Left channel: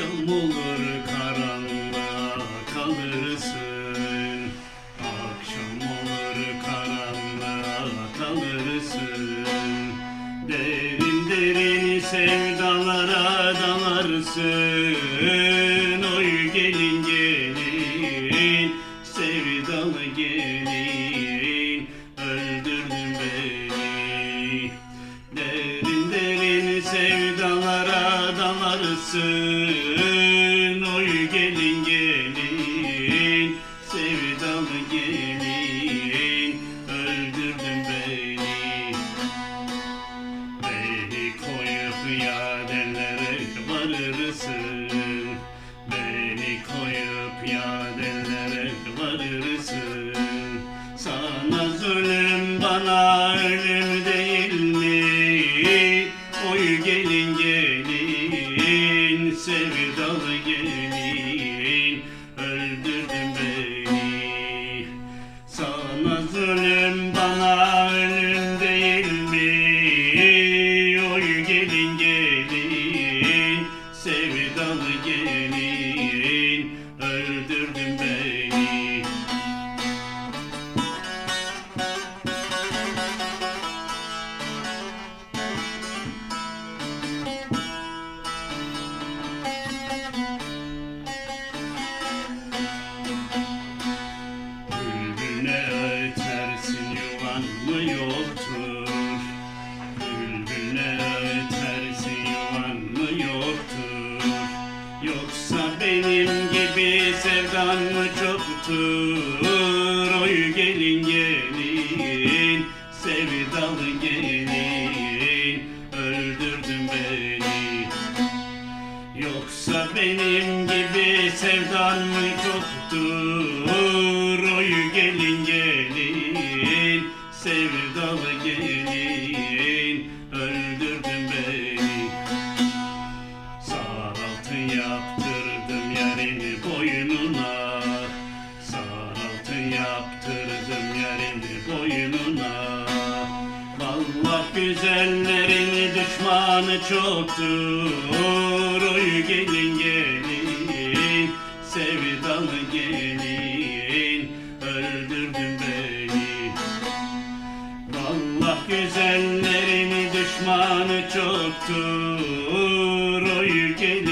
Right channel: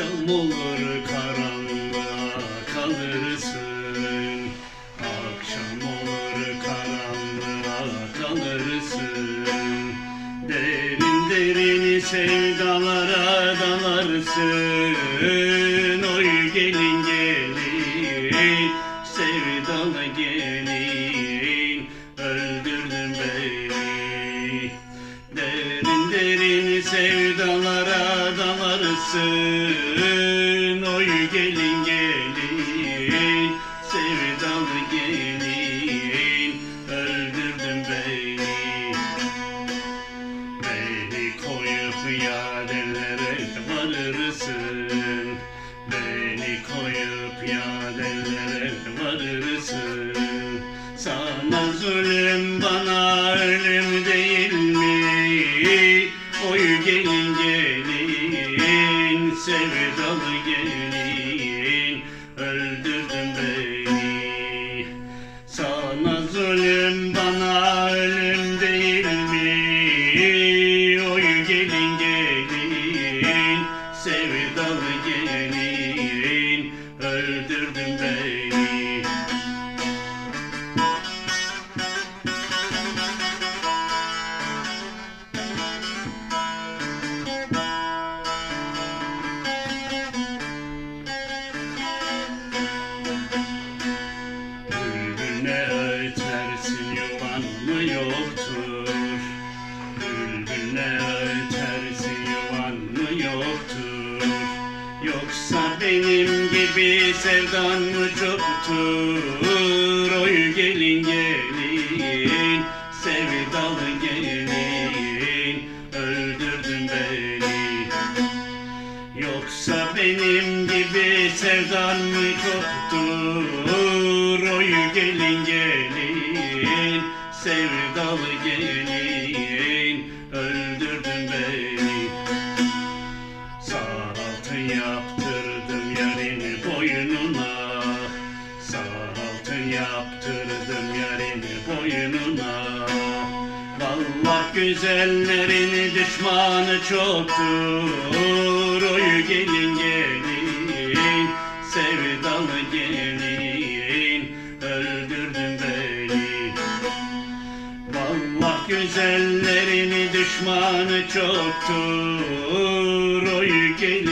akşam olur karanlığa kalırsın. Akşam olur karanlığa kalırsın. Derin derini sevdalara dalarsın. Oy gelin gelin sevdala gelin Öldürdün beni. Derin derini sevdalara dalarsın Oy gelin gelin. Sevdalı gelin Öldürdün beni. Beni koyup yadenlere varırsın. Beni koyup yadenlere varırsın. Sana zulüm bana ölüm sevdalı gelin Öldürdün beni. Sana zulüm sevdan mı çoktur? Oy gelin gelin sevdalı gelin öldürdün beni. Yoksa benim gibi sevdan mı çoktur? Oy gelin gelin, sevdalı gelin, öldürdün beni. Sağ altın yaptırdım Vallah güzellerin düşmanı çoktur. Oy gelin gelin sevdalı gelin. Öldürdün beni. Vallah güzellerin düşmanı çoktur. Oy gelin